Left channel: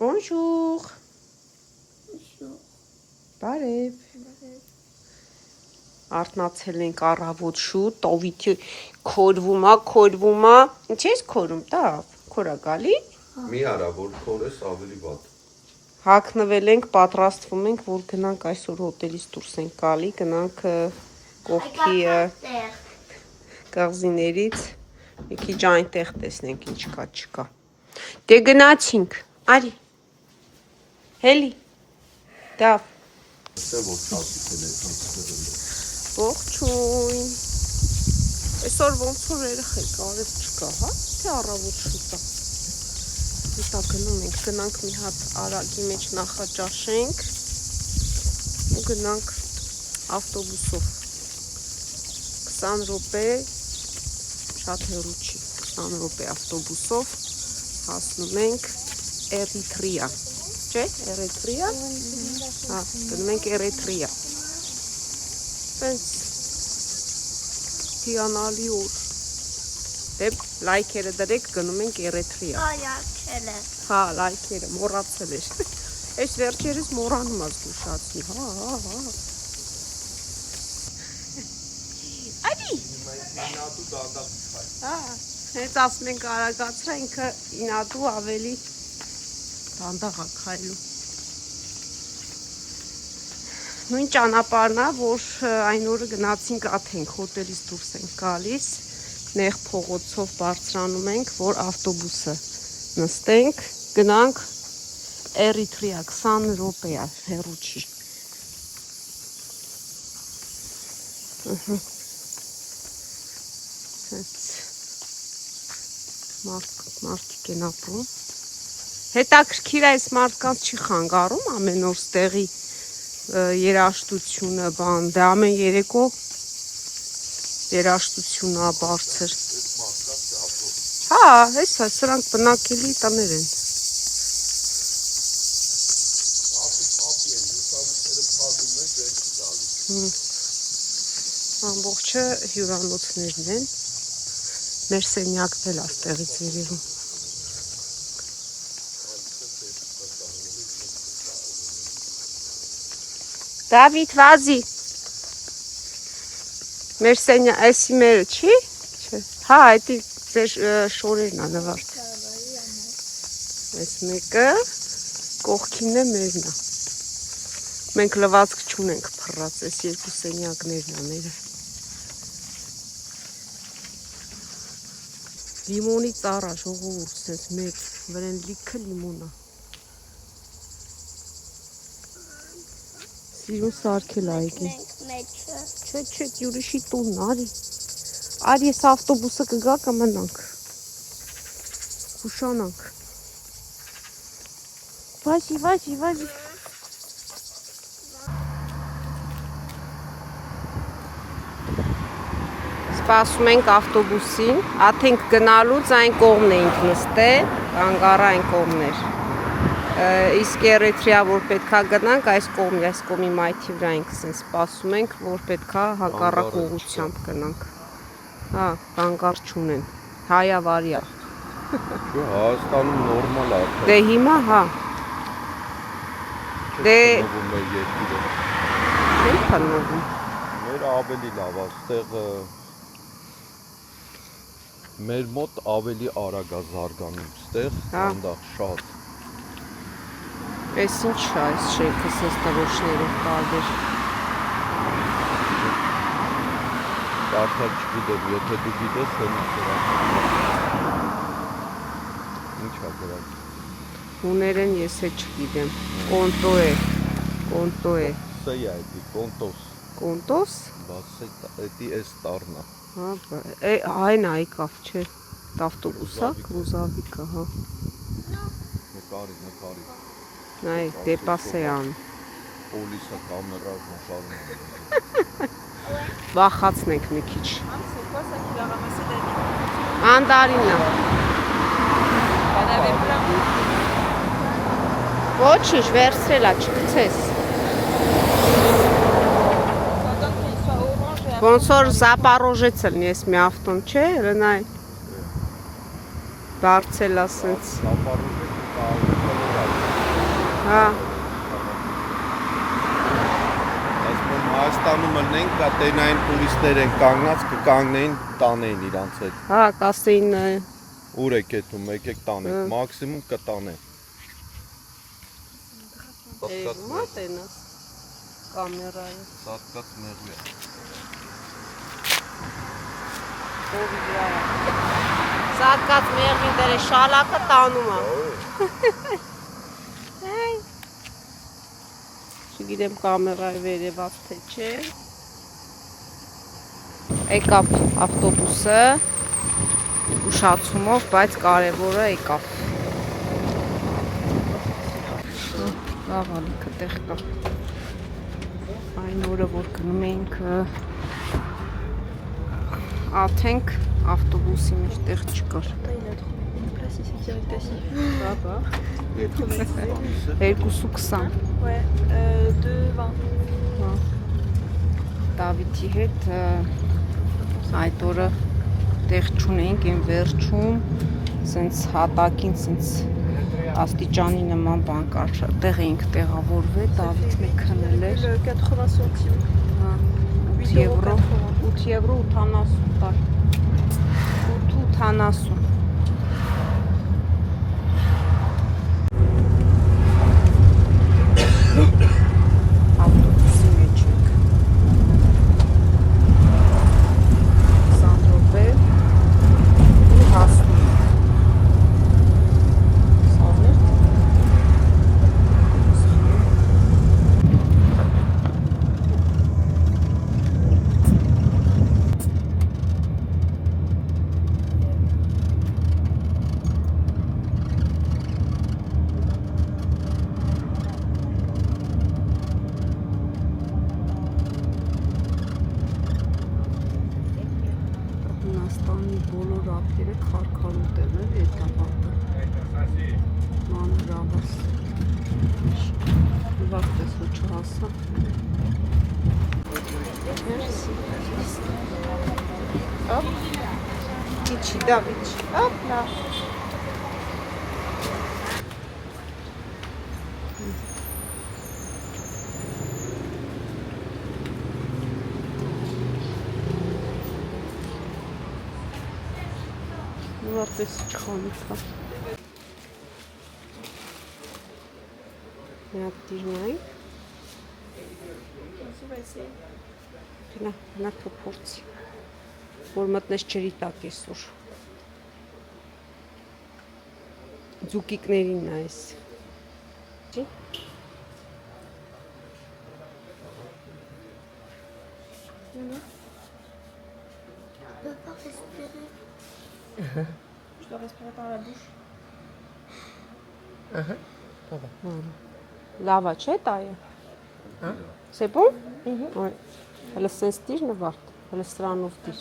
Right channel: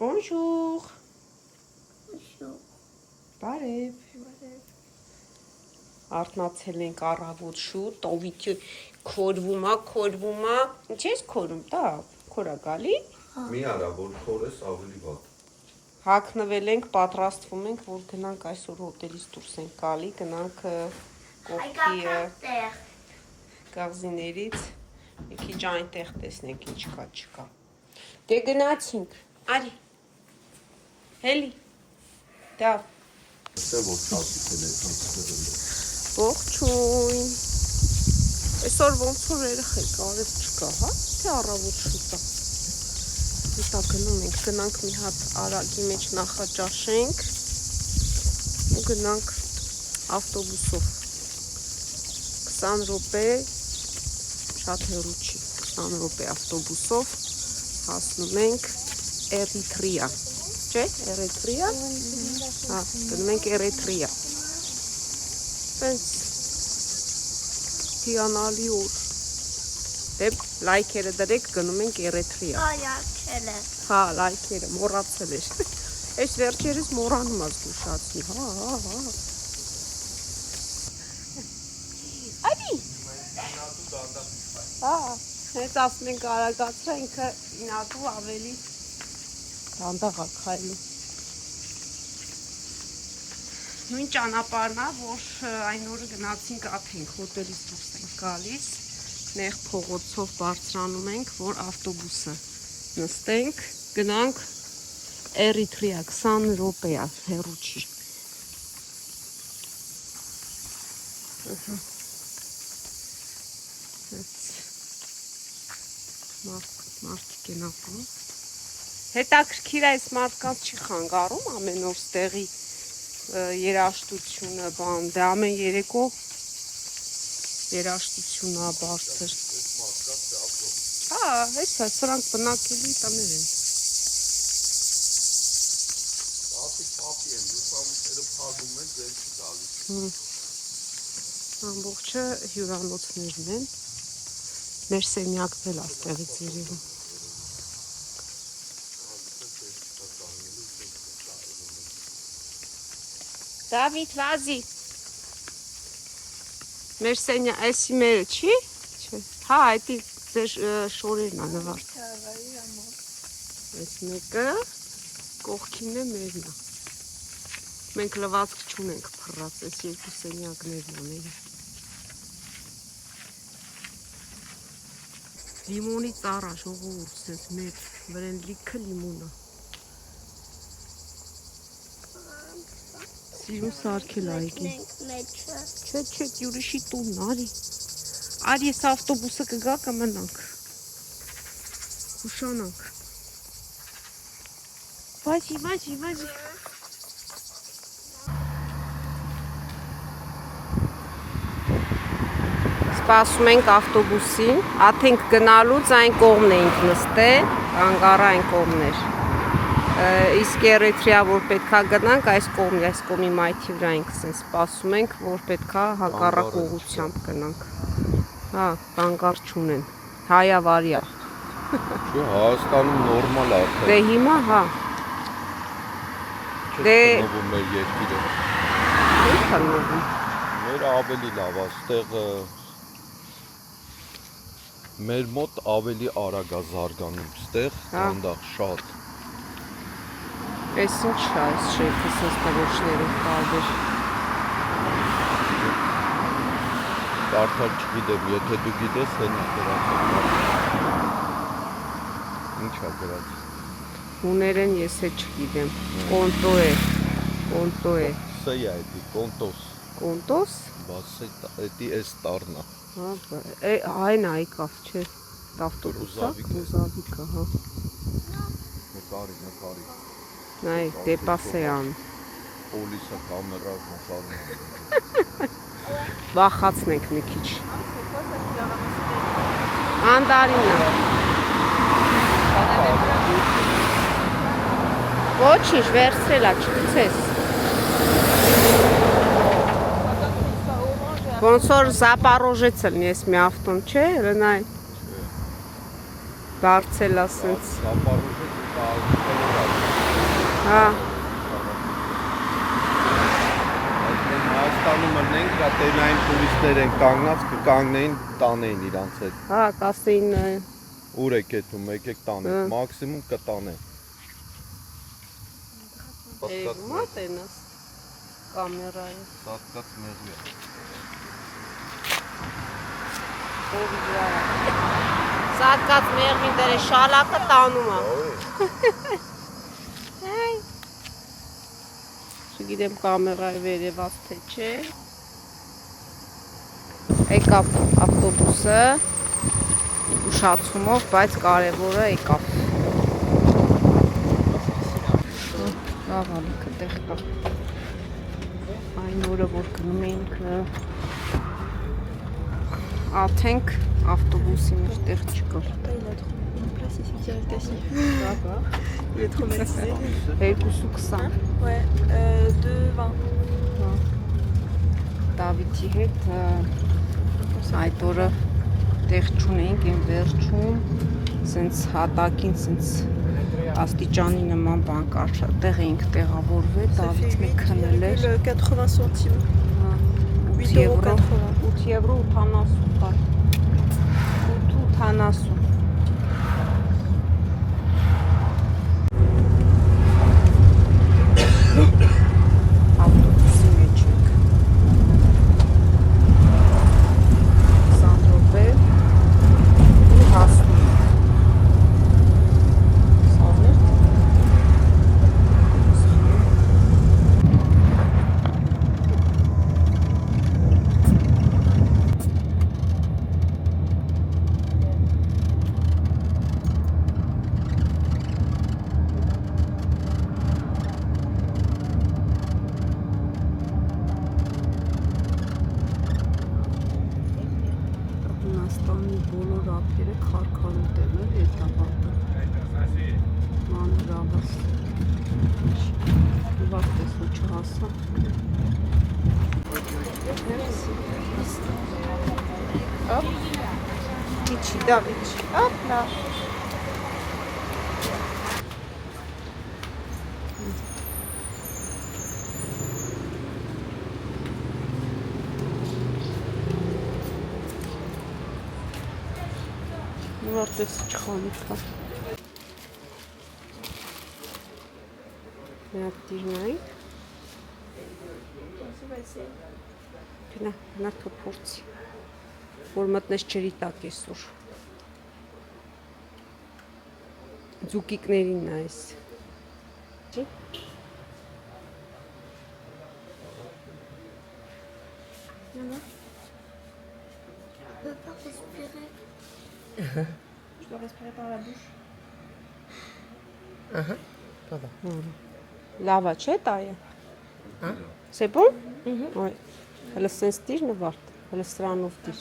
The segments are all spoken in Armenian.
Bonjour. Բարև։ Արթնացել ենք առավոտ շուտ, տովիթը քորվում է։ Ինչ ես քորում, տավ, քորա գալի։ Մի արա, որ քորես ավելի վատ։ Հագնվել ենք, պատրաստվում ենք, որ գնանք այսօր հոտելից դուրս ենք գալի, գնանք կողքի կղզիներից, մի քիչ այնտեղ տեսնենք ինչ կա չկա։ Դե գնացինք, արի, հելի, դավ։ Ողջույն։ Այսօր ոնց որ երեխեք արև չկա, հա, թե առավոտ շուտ է։ Հետա գնում ենք, գնանք մի հատ արագի մեջ նախաճաշենք ու գնանք ավտոբուսով 20 րոպե, շատ հեռու չի, 20 րոպե ավտոբուսով հասնում ենք Էրիթրեա, չէ, Էրիթրեա, հա, գնում ենք Էրիթրեա, պենց հիանալի օր, դե լայքերը դրեք, գնում ենք Էրիթրեա, հա, լայքերը, մոռացել էր, այս վերջերս մոռանում ես զգուշացնի, հա, Ադի, հա, հենց ասում ենք արագացրա, ինքը ինատու ավելի դանդաղ է քայլում, նույն ճանապարհն է, որ այն օրը գնացինք Աթենք, հոտելից դուրս ենք գալիս, նեղ փողոցով բարձրանում ենք, որ ավտոբուսը նստենք, գնանք Էրիթրեա, 20 րոպե է, հեռու չի։ Մարդիկ են ապրում։ Հետաքրքիր է, այս մարդկանց չի խանգարում ամեն օր ստեղի երաշտությունը, բան, դե ամեն երեկո երաշտությունն է բարձր։ Հա, հեսա, սրանք բնակելի տներ են։ Ամբողջը հյուրանոցներն են, մեր սենյակն էլ աստեղից երևում։ Դավիթ, վազի, մեր սենյակ, այսի մերը չի, հա, այդի ձեր շորերն է նվարդ, այս մեկը կողքինն է մերն է, մենք լվացք չունենք փռած, այս երկու սենյակներն է մերը, լիմոնի ծառա ժողովուրդ, սենց մեր վրեն լիքը լիմոն է, սիրուն սարքել այգին, չէ, յուրիշի տունն, արի ես ավտոբուսը կգա կմնանք, կուշանանք, վազի, սպասում ենք ավտոբուսին, Աթենք գնալուց այն կողմն էինք նստել, կանգառը այն կողմներ, իսկ Էրիթրեա որ պետքա գնանք այս կողմի մայթի վրա ենք սպասում ենք, որ պետքա հակառակ ուղղությամբ գնանք, հա, կանգառ չունեն, հայավարյա, Հայաստանում նորմալ է, դե հիմա, հա, դե, ո՞նց է նովում, մեր ավելի լավ է, ստեղ մեր մոտ ավելի արագ է զարգանում, ստեղ դանդաղ շատ։ Այս ինչ է, այս շեյքը սենց տղոշներով տարբեր։ Կարդալ չգիտեմ, եթե դու գիտես, հենց դրան։ Ինչ է դրան։ Հուներեն ես է չգիտեմ, կոնտո է։ Սեյ է էդի, կոնտոս։ Կոնտոս։ Բաս էդի էս տարնա։ Այն այկավ, չէ, տավտոբուսա, ռուզավիկա, հա։ Նկարի։ Նայ, դեպասեան։ Պոլիսը կամերար նկարում։ Վախացնենք մի քիչ։ Անդարինը։ Ոչինչ, վերցրելա, չգցես։ Ոնց որ Զապարոժեց լնի ես մի ավտոն, չէ, Ռնայ։ Բարձել ասենց։ Զապարոժեց Հա, Այսինքն Հայաստանում մնենք, դա տենային տուրիստներ են կանգնած, կկանգնեին տանեին իրանց հետ։ հա, կասեին Ուր եք եթում, եկեք տանեք, մաքսիմում կտանեն։ Էվումա տենաս կամերայը Սատկած մեղու է։ ով վրա է Սատկած մեղվին դերը շալակը տանում է Այ Չգիտեմ կամերայի վերևած թե չէ Եկավ ավտոբուսը ուշացումով, բայց կարևորը եկավ Լավ ալիքը տեղ կա Այն օրը, որ գնում էինք աթենք ավտոբուսի մեջ տեղ չկար Il est traumatisé. 2.20 Ouais, 2,20. Դավիթի հետ այդ օրը տեղ չունեինք այն վերջում սենց հատակին սենց աստիճանի նման բան կար տեղ էինք տեղավորվել Դավիթն է քնել էր 80 centimes. 8 եվրո 8 եվրո 80 տար 8.80 Ավտոբուսի մեջ ենք 20 րոպե ու հասնում Սարներ Հունաստանի բոլոր ափերը քարքարուտ են էդ ավարտը մանր ավաս վարտես ու չհասա Օպ Իչի Դավիթ Օպ նա Վարտես չխանի կա Միակ դիրնայինք Գնա թոփորցի որ մտնես ջրի տակ այսօր Ձուկիկներին նայես Չի Je dois respirer par la bouche. Լավա չէ տայը C'est bon? Oui Հələ սենց դիր նվարդ Հələ սրանով դիր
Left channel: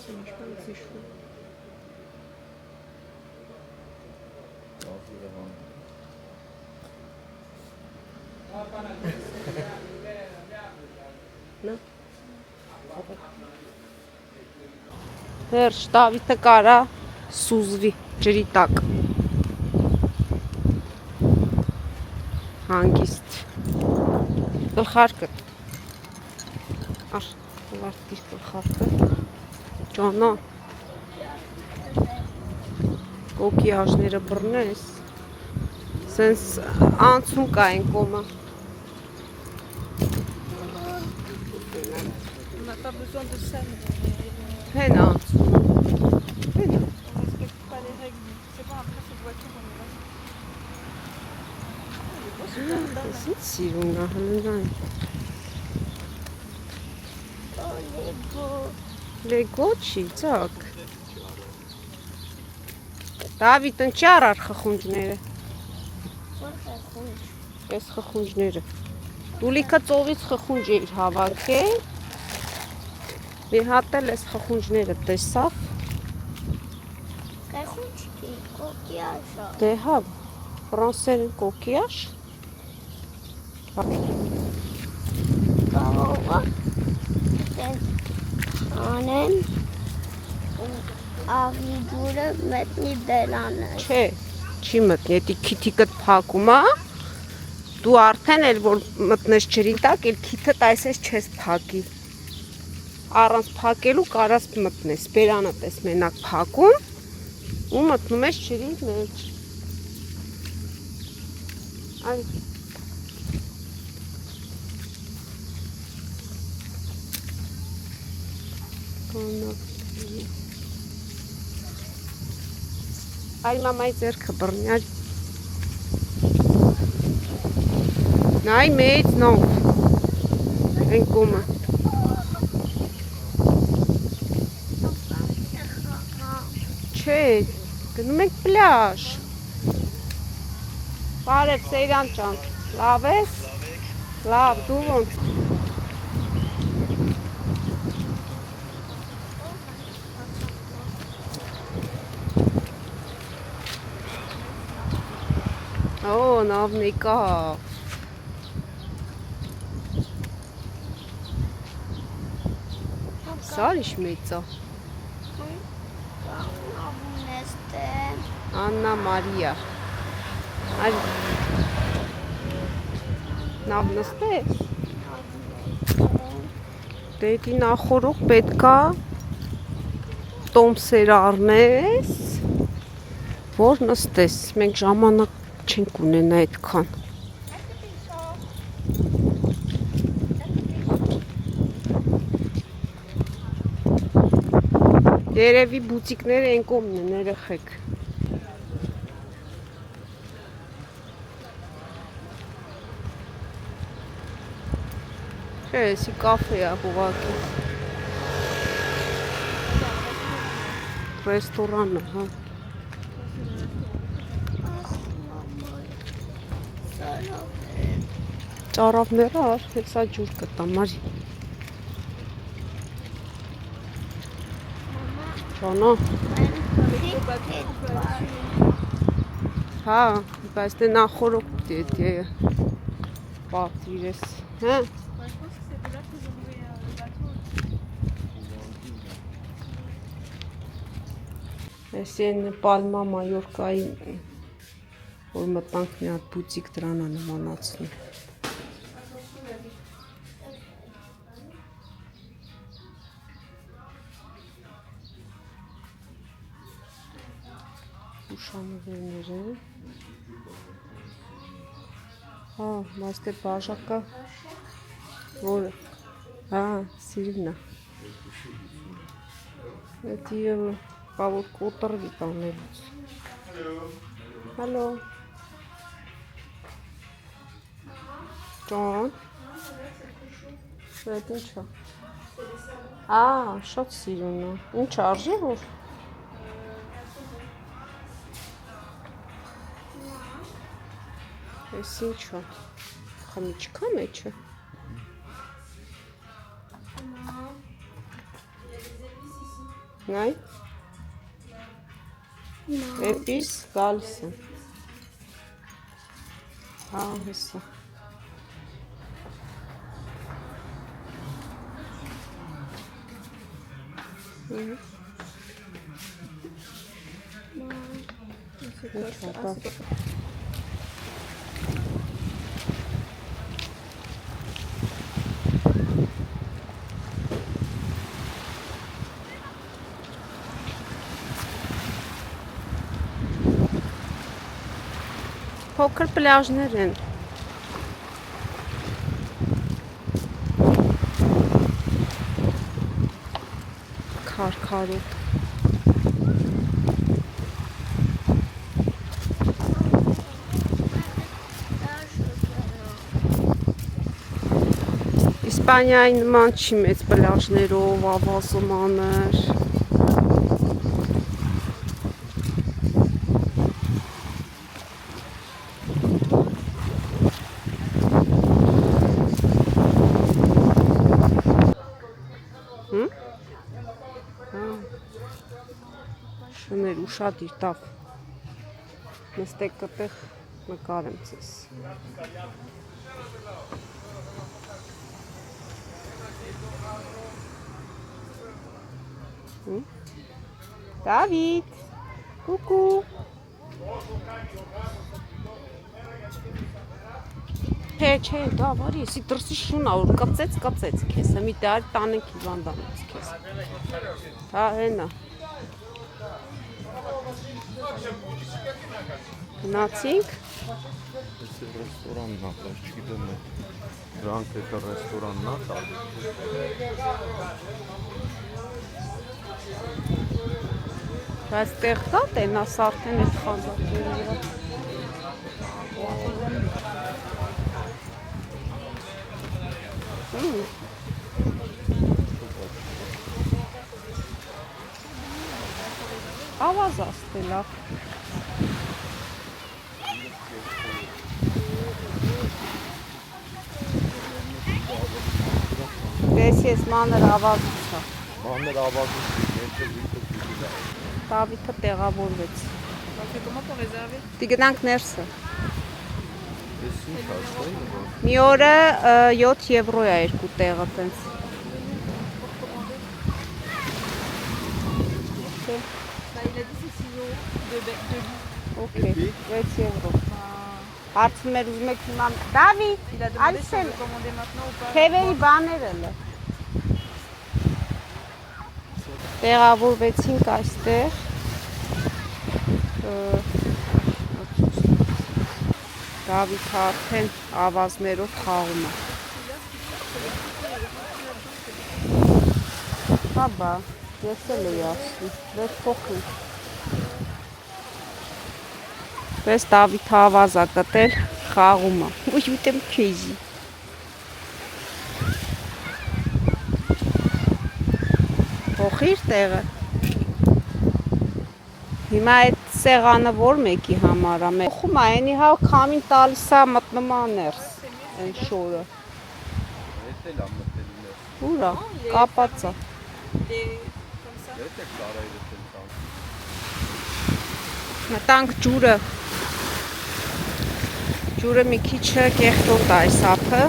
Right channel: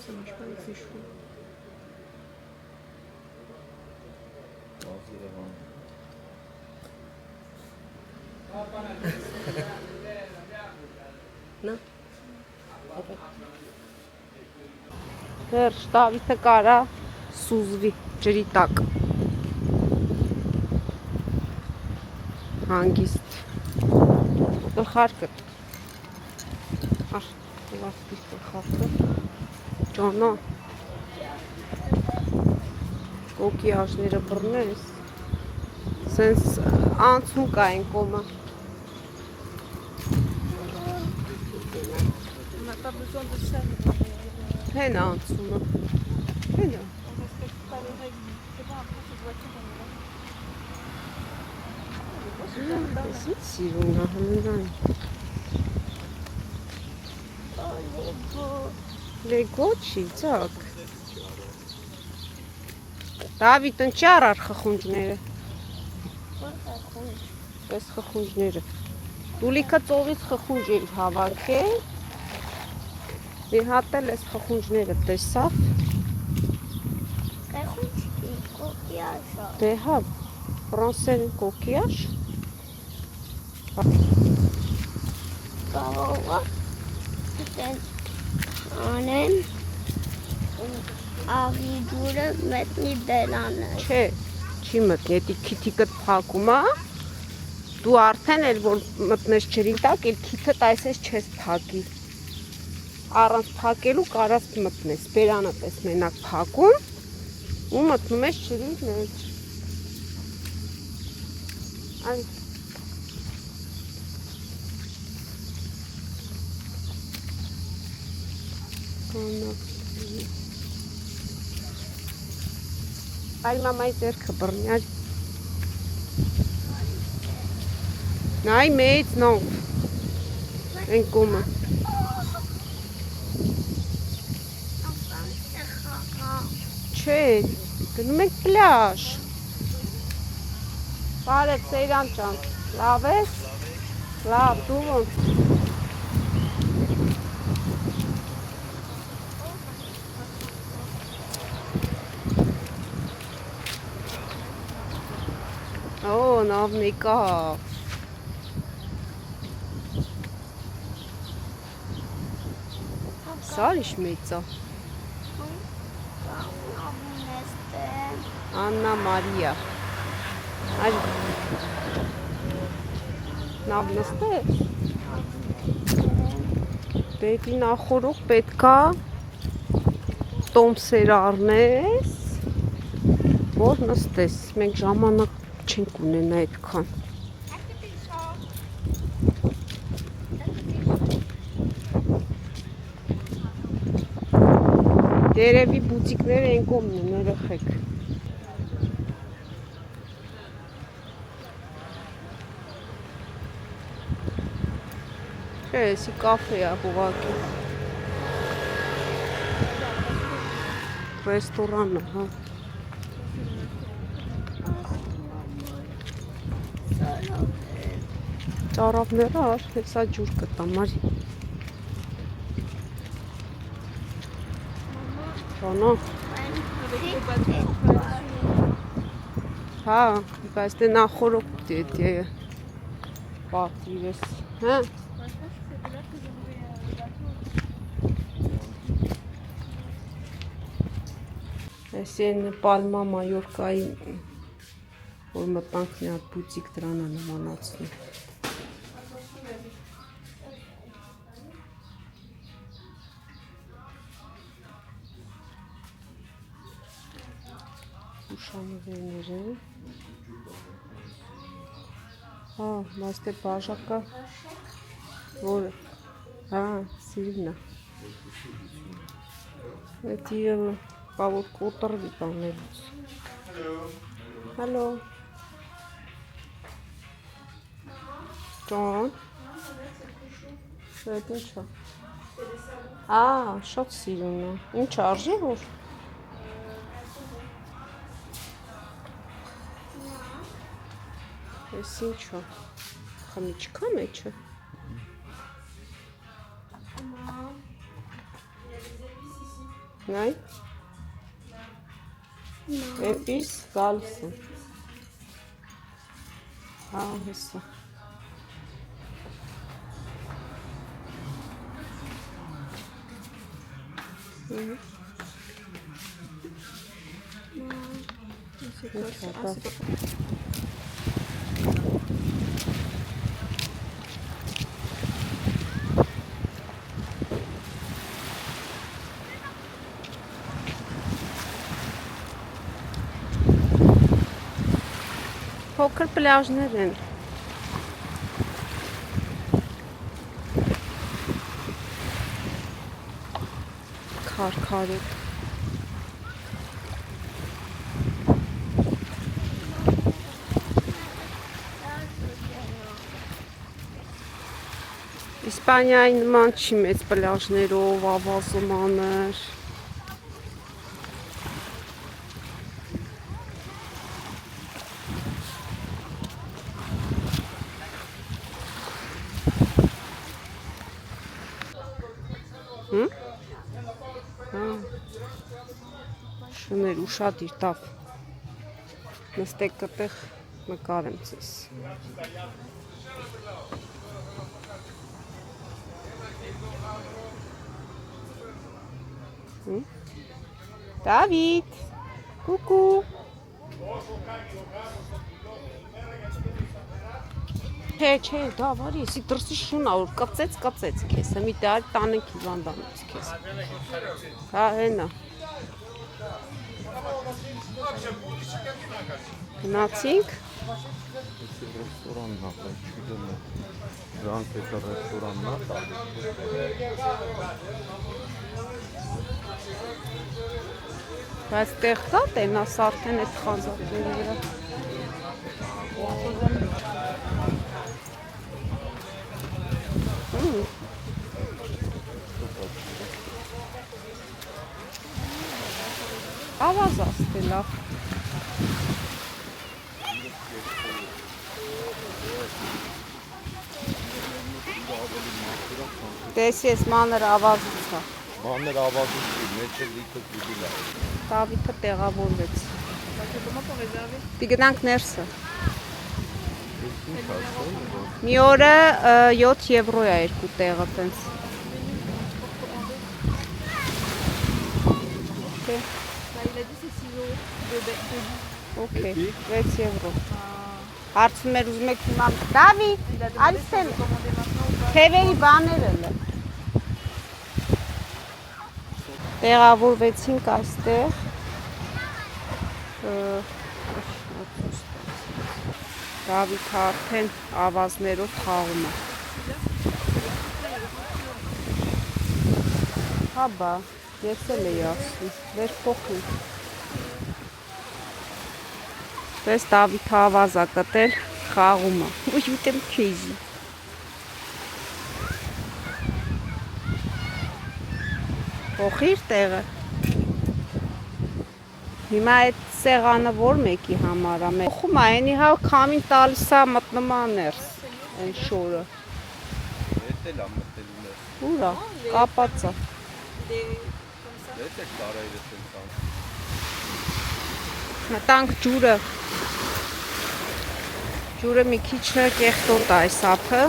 Ça marche pas avec ses cheveux. Հերշ Դավիթը կարա սուզվի ջրի տակ Հանգիստ Գլխարկը Ար վարտիր գլխարկը Ճանա Կոկի աժները բռնես Սենց անցում կա են կոմը On n'a pas besoin de ça. Հեն անցում Հեն On respecte pas les règles. C'est bon, après cette voiture, on est Սիրուն է հլնջան Լեգո չի ծակ Դավիթ ընչի առար խխունջները Ես խխունջները Տուլիքը ծովից խխունջ էի հավաքել Մի հատ էլ ես խխունջները տեսավ Դե հա Ֆրանսեր են կոկիաշ Կարող է անեն աղի ջուրը մտնի բերանը։ Չէ, չի մտնի, էդի քիթիկդ փակում է, դու արդեն էլ որ մտնես ջրի տակ, էլ քիթդ այսպես չես փակի։ Առանց փակելու կարաս մտնես, բերանդ ես մենակ փակում ու մտնում ես ջրի մեջ։ Այ Այ մամայի ձեռքը բռնի, այ նայ մեծ նով, են կոմը, չէ, գնում ենք պլաշ, բարև Սեյրան ճան, լավ ես, լավ, դու ոնց, Օ, նավն եկավ, Սարիշ մեծ է, Աննա Մարիա, այլ նավ նստե, դեպի նախորուկ պետքա տոմսեր առնես, որ նստես, մենք ժամանակ չենք ունենա այդքան։ Երևի բուտիկները են կողմն են, երեխեք։ Չէ, էսի կաֆե է ուղղակի։ Ռեստորանը, հա։ Ծարավները ար, հեսա ջուր կտամ, արի։ Ճանա։ Հա, բայց դե նախորոք դե պատիրես, հա։ Էսի են Պալմա Մայորկայի, որ մտանք մի հատ բուտիկ դրան է նմանացնում։ Ուշանվերներ են։ Հա, բայց դե բաժակը, որը, հա, սիրինա։ Էդի որ կոտրվի տանելուց։ Հալո։ Ճան։ Շետ ինչ է։ Շատ սիրուն է։ Ինչ արժի որ։ Ես ինչ է։ Խմիչքա մեջը։ Նայ։ Էպիս գալիս են։ Հա, հեսա։ Փոքր պլաժներ են։ Քարքարոտ։ Իսպանիայի նման չի մեծ պլաժներով, ավազոմաներ։ Շներ ուշադիր տավ, նստեք տտեղ նկարեմ ձեզ։ Դավիթ, կուկու։ Չէ, դա վարի, եսի դրսի շունա, որ կծեց քեզ, մի դար տանենք իվանդանից քեզ։ Հա, հենա։ Գնացինք։ Եսի ռեստորանն ա, չգիտեմ է, դրանք էտա ռեստորանն ա, Բայց տեղ կա տենաս արդեն այդ խանձակների վրա։ Ավազաս դե լավ։ Դես ես մանր ավազուց հա։ մանր ավազուց, մեջը վիթը պիտի լավ։ Դավիթը տեղավորվեց։ Comment on réserver? Դի գնանք ներսը։ Ես ինչ ասել եմ, Մի օրը 7 եվրո է երկու տեղը տենց։ Bah, il a dit c'est 6 euros de lit. Okay, 6 եվրո։ Հարցում էր ուզում եք իմանալ Դավիթ, Il a demandé si on Ալսել, peut commander maintenant ou pas. թևերի բաները լը։ Տեղավորվեցինք այստեղ։ Դավիթը արդեն ավազներով խաղում է։ Հաբա, ես էլ էի ասում, վեր փոխենք։ Պես Դավիթը ավազ է գտել, խաղում է։ Ուй, ուտեմ քեզի։ Փոխիր տեղը։ Հիմա այդ սեղանը որ մեկի համար է։ Փոխում է, այնի հա քամին տալիս է մտնում է ներս։ Այն շորը։ Ես էլ ամ մտել ուներ, Ուրա, կապած է։ ես է կարայրս եմ տան։ Մտանք ջուրը։ Ջուրը մի քիչ կեղտոտ է այս ափը։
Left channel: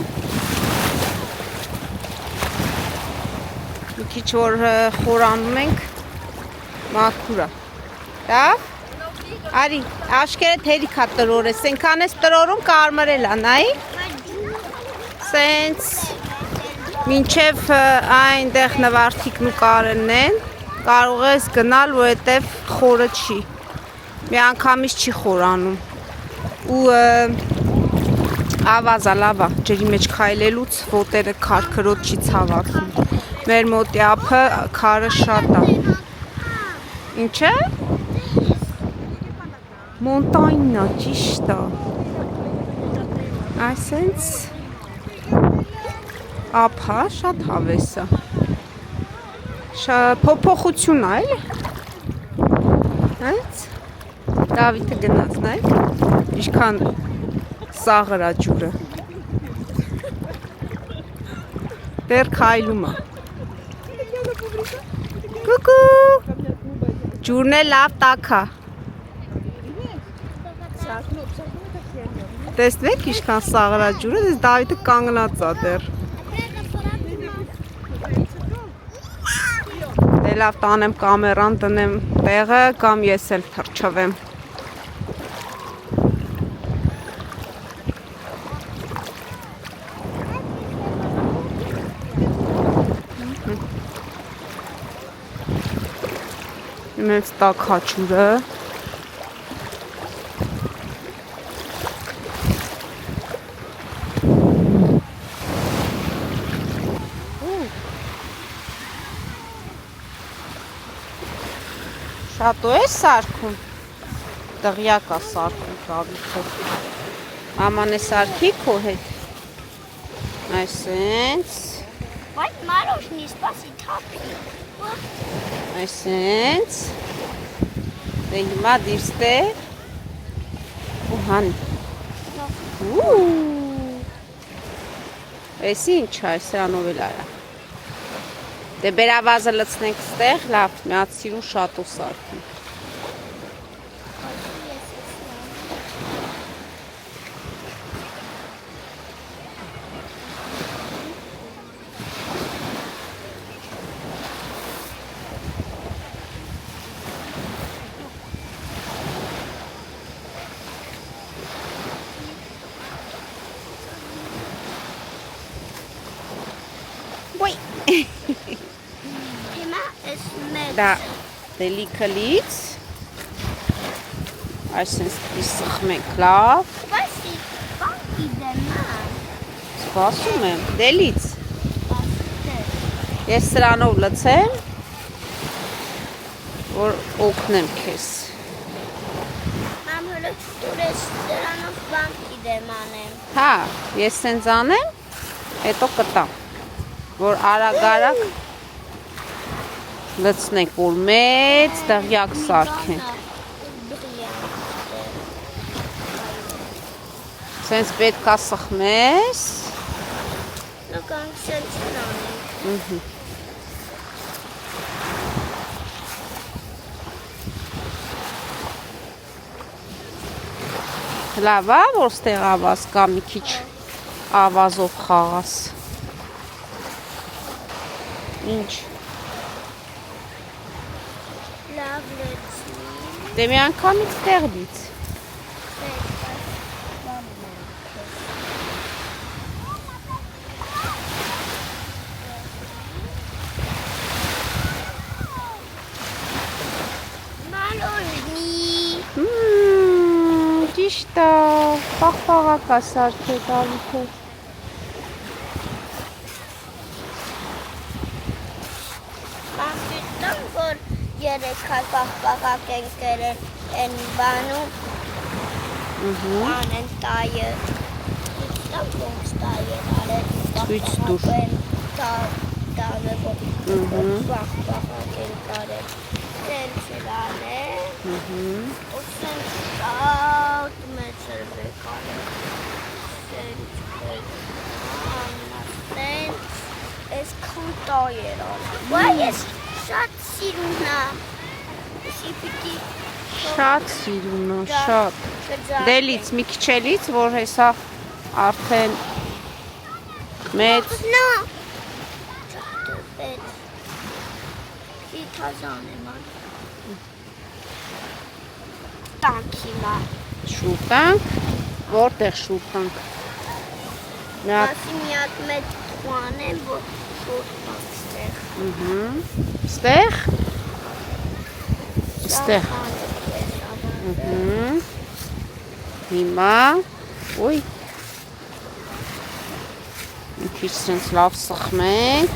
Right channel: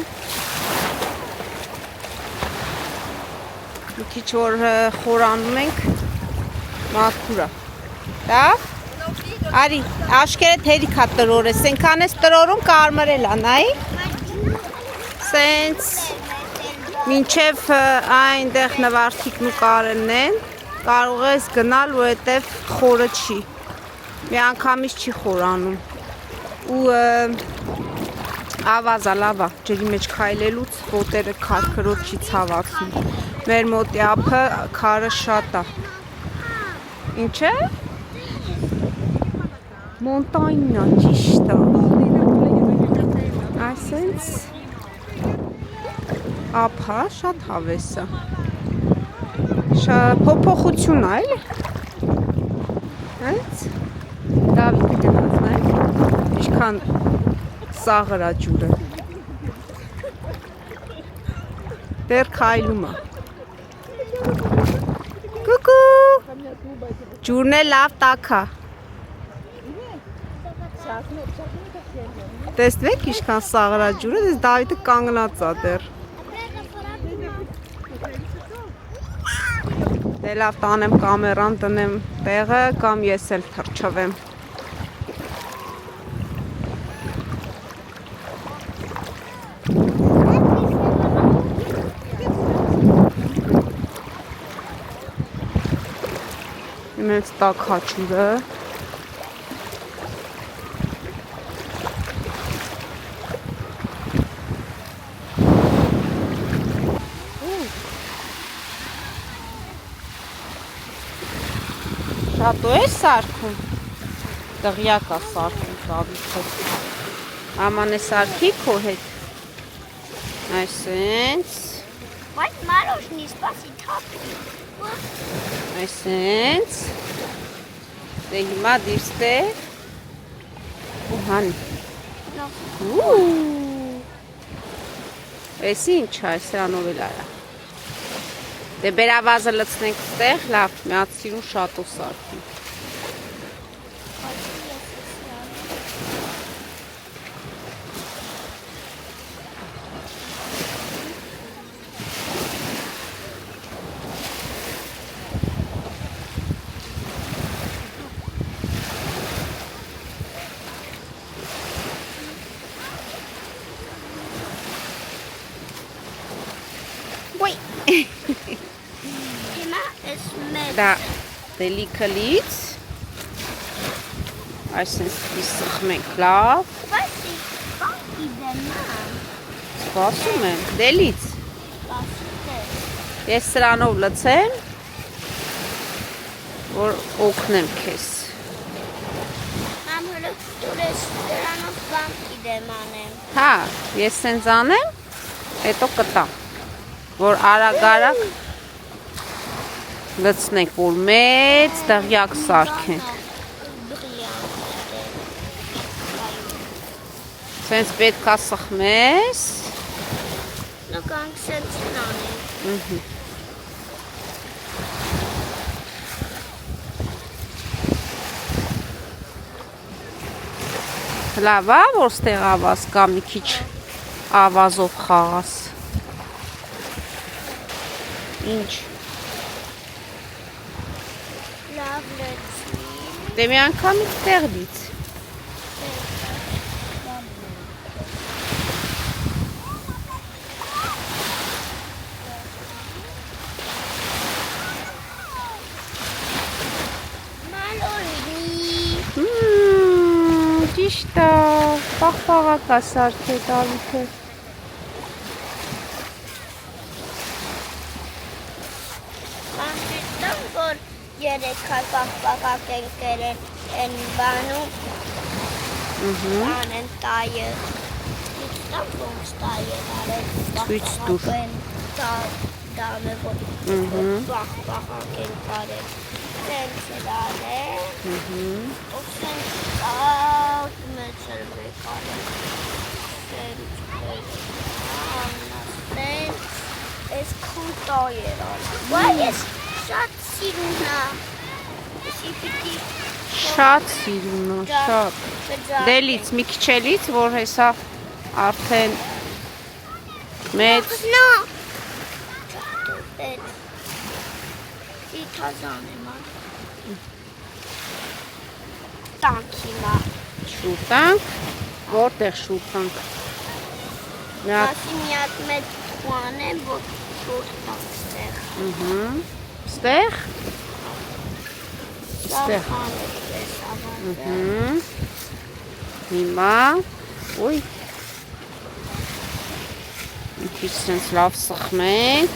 Մի քիչ որ խորանում ենք, մաքուր է։ Լավ։ Արի, աշկերտ հերիք է տրորես, ենքան ես տրորում կարմրել է, նայի։ Սենց մինչև այնտեղ նվարդիկն ու կարելն են, կարող ես գնալ, որովհետև խորը չի։ Մի անգամից չի խորանում։ Ու ավազա լավա, ջրի մեջ քայլելուց ոտերը քարքրոտ չի ցավացնում։ Մեր մոտի ափը քարը շատ է։ Ինչ է։ Մոնտանյա ճիշտ է։ Այսենց ափը շատ հավես է։ Փոփոխություն է, էլի։ Այս Դավիթը գնաց, նայեք։ Ինչքան ծաղր է ջուրը։ Դեռ քայլում է։ Կուկու։ Ջուրն է լավ տաք է։ Տեսնեք ինչքան սաղր է ջուրը, դες Դավիթը կանգնած է դեռ։ Դե լավ տանեմ կամերան, տնեմ տեղը կամ ես էլ թռչվեմ։ Մեծ տաք հաչուրը։ Շատո է սարքում, դղյակ է սարքում Դավիթը, աման է սարքի քո հետ, այսենց, Բայց Մարոշնի սպասի թափի։ այսենց, դե հիմա դիրստե, ու հանի, էսի ինչ է, սրանով էլ այա, դե բերավազը լծնենք ստեղ, լավ, միած սիրուն շատո սարքենք, Դա դելիքը լից։ Այսինքն պիտի սխմենք լավ։ Սպասի, բանկի դեման։ Սպասում եմ, դելից։ Սպասի։ Ես սրանով լցեմ, որ օգնեմ քեզ։ Մամ հələ դուրես դրանով բանկի դեման եմ։ Հա, ես սենց անեմ, հետո կտամ, որ արագ-արագ լցնենք, որ մեծ դղյակ սարքենք։ Սենց պետքա սխմես։ Նկանք սենցին անենք։ Լավ է, որ ստեղ ավազ կա մի քիչ ավազով խաղաս։ Ինչ։ Լավ լեցի։ Դե մի անգամից տեղից։ Ճիշտ է, պաղպաղակ է սարքե տալիքը։ Մանջիստան, որ երեկ հայ պաղպաղակ են կերել են բանում, անեն տայը, իստան ոնց տայը արել, Ցույց տուր։ տանը, որ պաղպաղակ են կարել, սենց իրանել, ու սենց տակ մեծ էր վեկարել, սենց ես քան տայ էր արել, ու ես շատ սիրուն է, եսի պիտի Շատ սիրուն է, շատ։ Դելից, մի քիչ էլից, որ հեսա արդեն մեծ։ Նա Թազան եմ ան Տանք հիմա Շուրտանք, որտեղ շուրտանք։ Մասի միակ մեծ թուան եմ, որ շուրտանք ստեղ Ստեղ։ Հիմա, ոյ, մի քիչ սենց լավ սխմենք։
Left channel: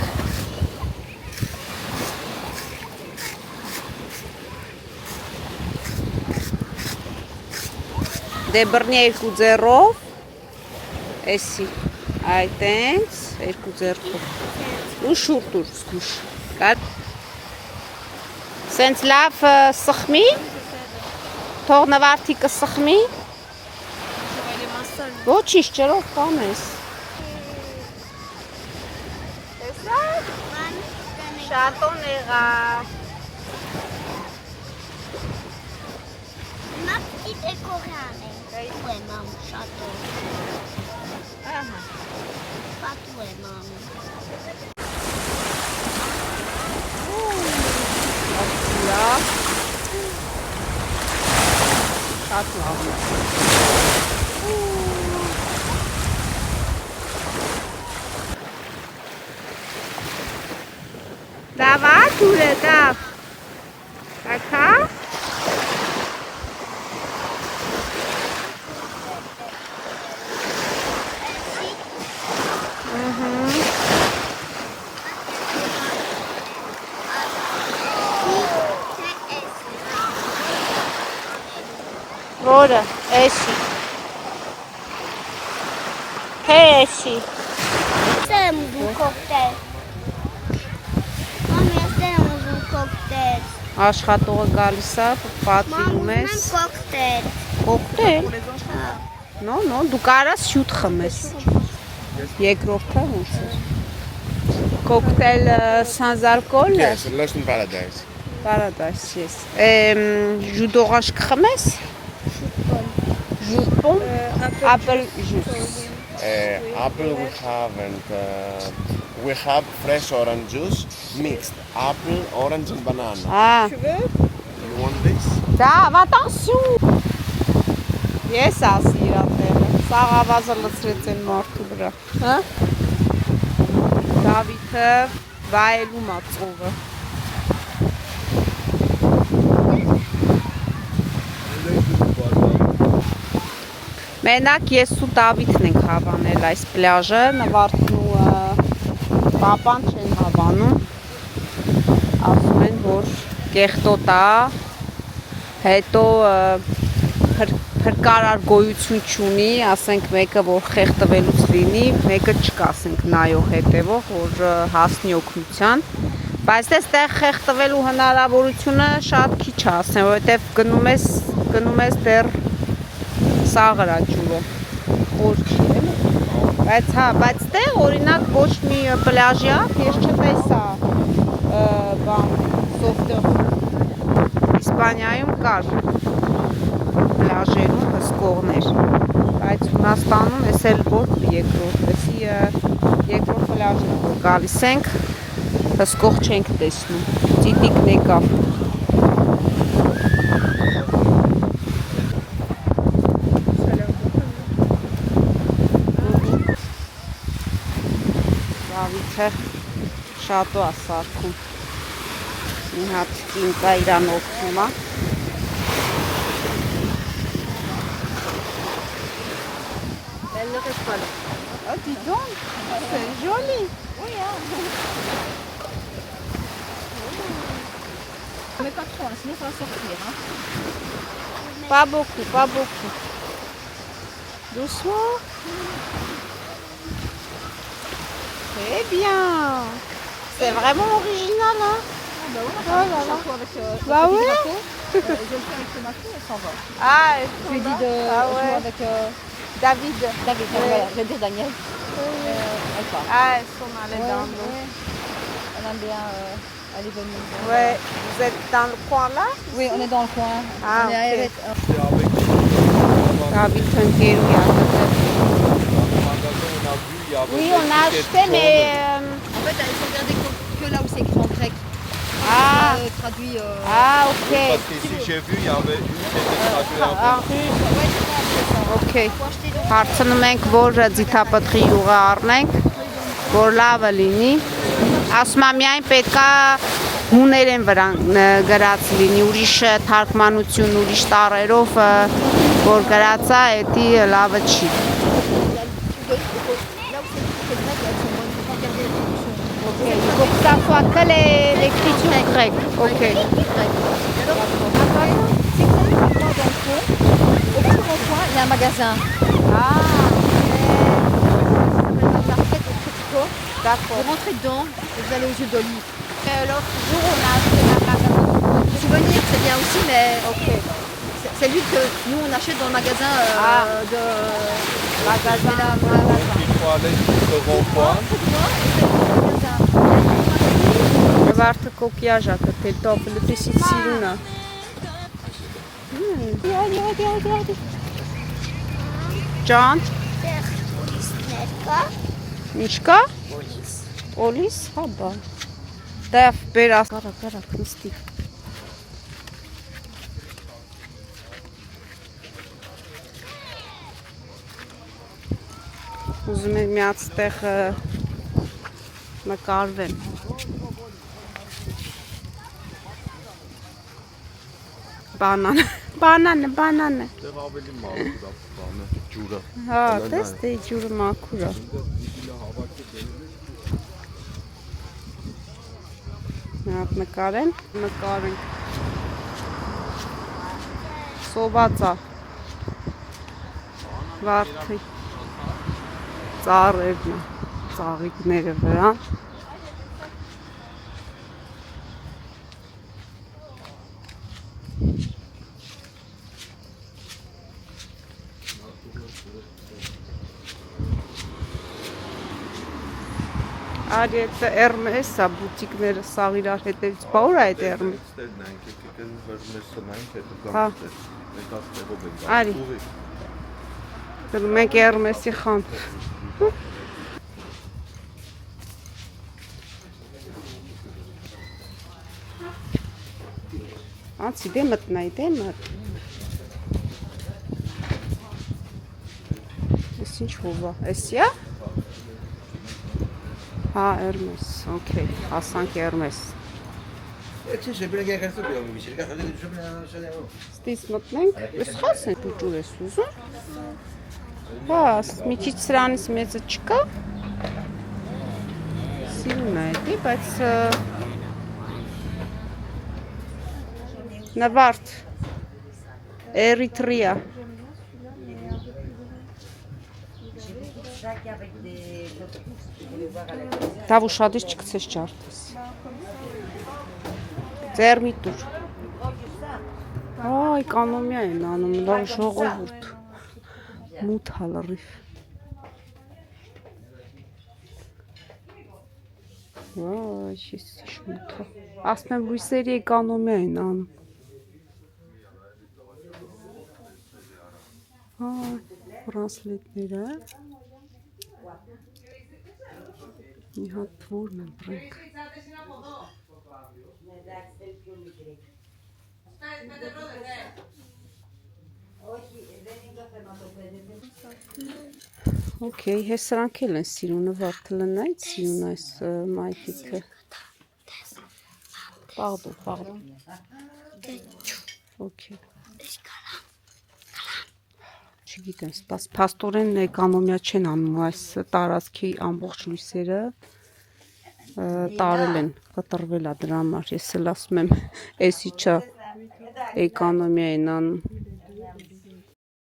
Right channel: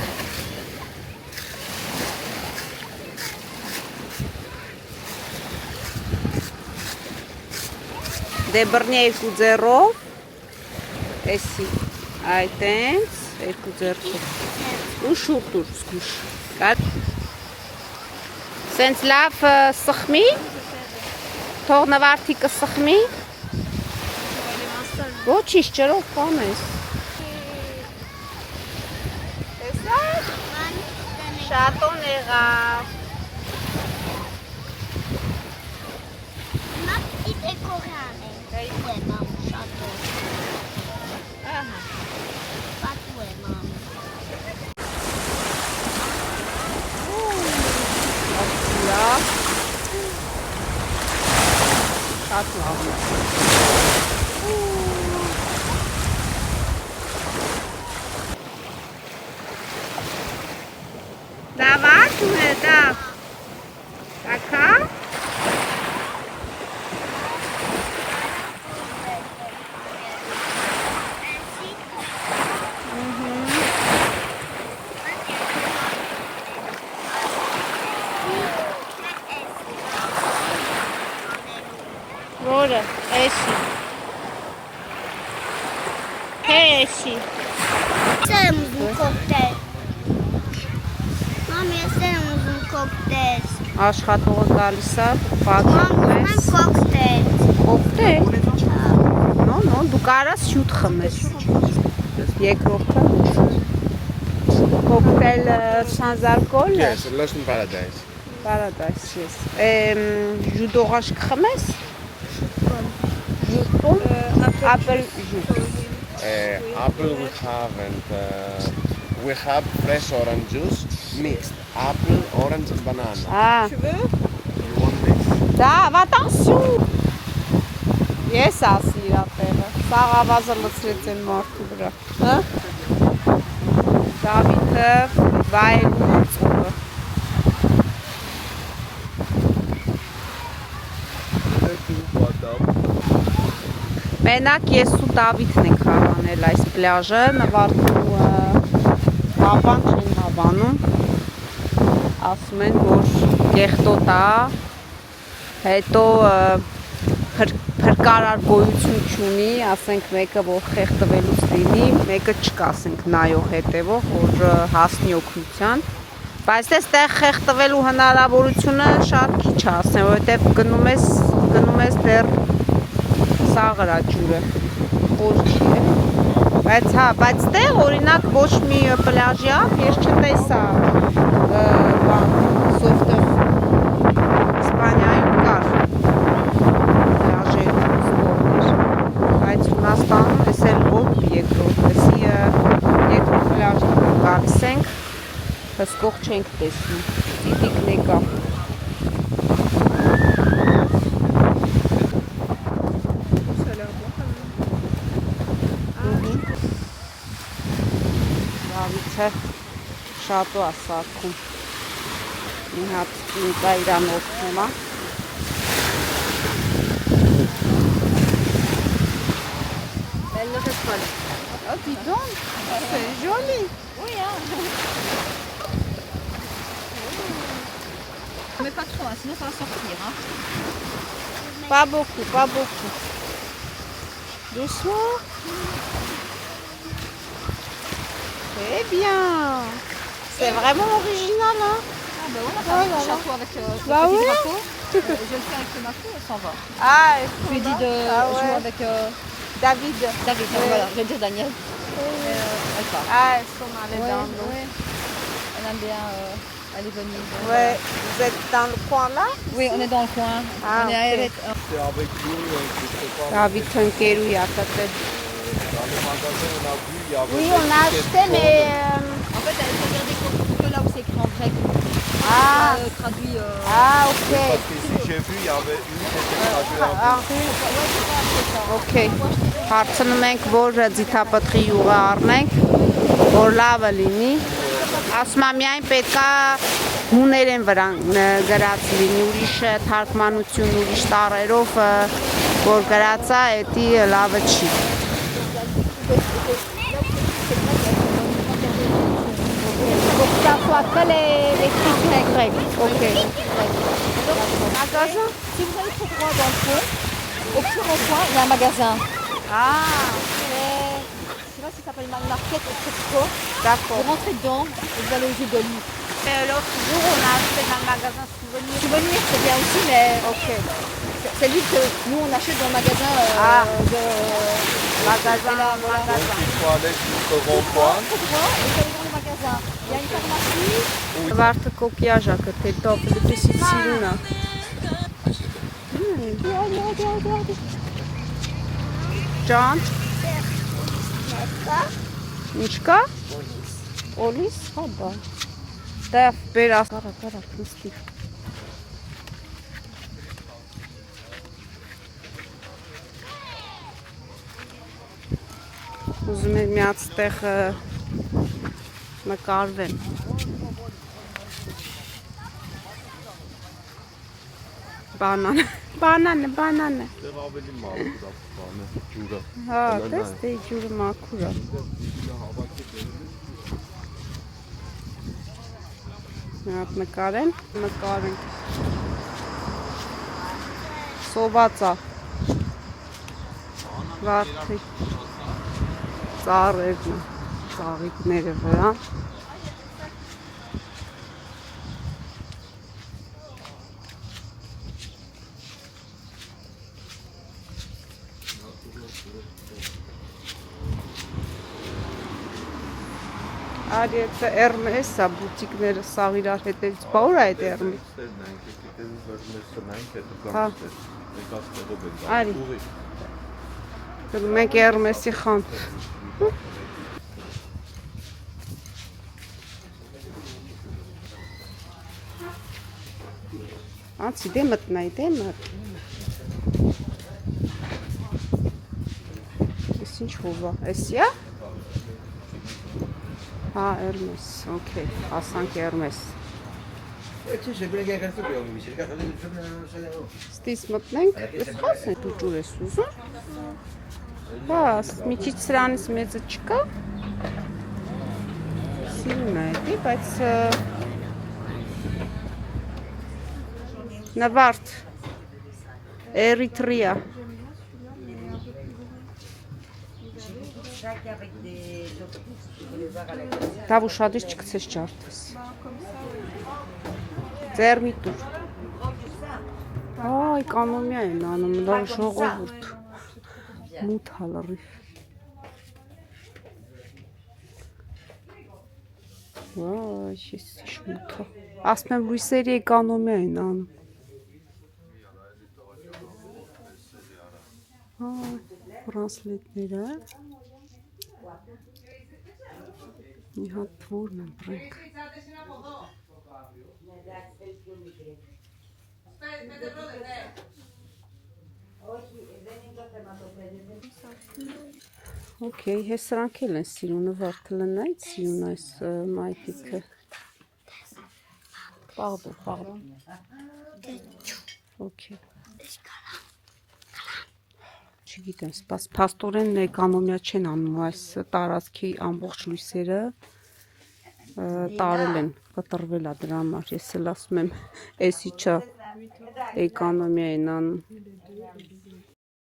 Դե բռնի երկու ձեռով, էսի, այդ ենք, երկու ձեռքով, ու շուրտ ուր զգուշ, սենց լավ սխմի, թող նվարդիկը սխմի, ոչիշ ջրով կանես, շատոն եղար, Նա պիտի դեկորյան ենք, պատու է մամ շատոն, պատու է մամ շատ լավ է։ Դավա, թուրը, դավ, ակա, որը, էսի, հե էսի, Jsem ուզում կոկտել Մամ, ես եմ ուզում կոկտել աշխատողը գալիս է, պատվում Մամ, ես, կոկտել կոկտել, նո, դու կարաս հյութ խմես, երկրորդը հուցր, կոկտել սանզարկոլ, Yes, Russian paradise. Paradise, yes, ժուտ օրանջ կխմես, ժուտում, ապել ժուտ, Apple we have and we have fresh orange juice mixed. Apple, orange and banana. You want this? Da, attention! Ես ասի իրա տեղը, սաղ ավազը լծրեց են մարդու վրա, հա? Դավիթը վայելում ա ծովը, Մենակ ես ու Դավիթն ենք հավանել այս պլաժը, Նվարդն ու պապան չեն հավանում, ասում են, որ կեղտոտ է, հետո փրկարար գոյություն չունի, ասենք մեկը, որ խեղտվելուց լինի, մեկը չկա, ասենք նայող հետևող, որ հասնի օգնության, բայց այստեղ խեղտվելու հնարավորությունը շատ քիչ է, ասեմ, որովհետև գնում ես դեռ սաղրա ջուրը, խոր չի, էլի, բայց տեղ օրինակ ոչ մի պլաժի ափ ես չտեսա սովտեղ Իսպանիայում կար պլաժեր սկողներ, բայց Հունաստանում ես էլ որ երկրորդ, երկրորդ պլաժն որ գալիս ենք, հսկող չենք տեսնում, ծիտիկն եկա։ Դավիթը շատո է սարքում, մի հատ ինկա իրան օգնում է։ Elle ne reste pas là. Ah, dis donc, c'est joli. Oui, hein. Mais pas trop, hein, sinon ça va sortir. Hein. Pas beaucoup, pas beaucoup. Doucement. Très bien. C'est vraiment original, hein? Ah bah ouais, Oh là là. avec Bah ouais. je le fais avec le marteau et ça va. Ah, Je lui ai dit de jouer avec David. David, Ouais. voilà, je vais dire Daniel. Ah, elles sont allées dans l'eau. Ouais. Elle aime bien aller venir. Ouais. Vous êtes dans le coin là? Oui, on est dans le coin. Ah, On est ok. avec, David Tunkeru, il y a peut-être. Dans le magasin, on a vu, il y avait Oui, des on a tickets acheté, mais. En fait, elle faut regarder que là où c'est écrit en grec. Ah, Traduit. ah, ok. Parce qu'ici, j'ai vu, il y avait une qui était traduite en Ok, հարցնում ենք, որ ձիթապտղի յուղը առնենք, որ լավը լինի, ասում եմ միայն պետքա հուներեն վրա գրած լինի, ուրիշ թարգմանություն, ուրիշ տառերով, որ գրած է, էդի լավը չի։ Pour que ça soit que l'écriture grecque. Ok. C'est comme moi dans le fond. Au plus grand coin, il y a un magasin. Ah, Vous d'accord. rentrez dedans et vous allez aux yeux d'olive. L'autre jour, on a acheté un magasin. Souvenir, c'est bien aussi, mais Ok. c'est lui que nous on achète dans le magasin de. Magasin. Donc, il faut aller jusqu'au rond-point. Վարդը կոկիաժա կտել տոպլը տեսից սիրունա։ Ջան, ինչ կա? Օլիս, հա բա։ Դև բեր ասկարա նստի։ Ուզում եմ միած տեղ նկարվեմ։ Բանանը։ Դեռ ավելի մաքուր է բանը, ջուրը։ Հա, տես դե ջուրը մաքուր է։ Մի հատ նկարենք։ Սոված է։ Վարդի ծառերն է, ծաղիկները վրա։ Արի էտը Hermes է, բուտիկները սաղ իրար հետևից, բա ուր է այդ Hermes։ Հա։ Արի։ Մենք Hermes-ի խանութ։ Անցի դե մտնայի, դե մտ։ Ես ինչ հով է, էսի է։ Հա, Hermes, okay, հասանք Hermes։ Ստից մտնենք, ես խաս են դու ջուր ես ուզում։ Հա, մի քիչ սրանից մեծը չկա։ Սիրուն է էլի, բայց նվարդ Էրիտրիա։ Դա ուշադիր չգցես ջարդես։ Ձեր մի տուր։ Այ, էկոնոմիա են անում, լավ ժողովուրդ։ Մութ հալարիվ։ Վայ, ես մութը։ Ասում եմ լույսերի էկոնոմիա են անում։ Այ, բրանսլետները։ Մի հատ որն եմ բրենք։ Okay, հես սրանք էլ են սիրունը վարդը լնայց, սիրուն այս մայթիքը։ Պաղդո։ Okay։ Չգիտեմ, պաստորեն էկոնոմիա չեն անում այս տարածքի ամբողջ լույսերը տարել են, կտրվել է դրա համար, ես էլ ասում եմ, էսի չա էկոնոմիա են անում։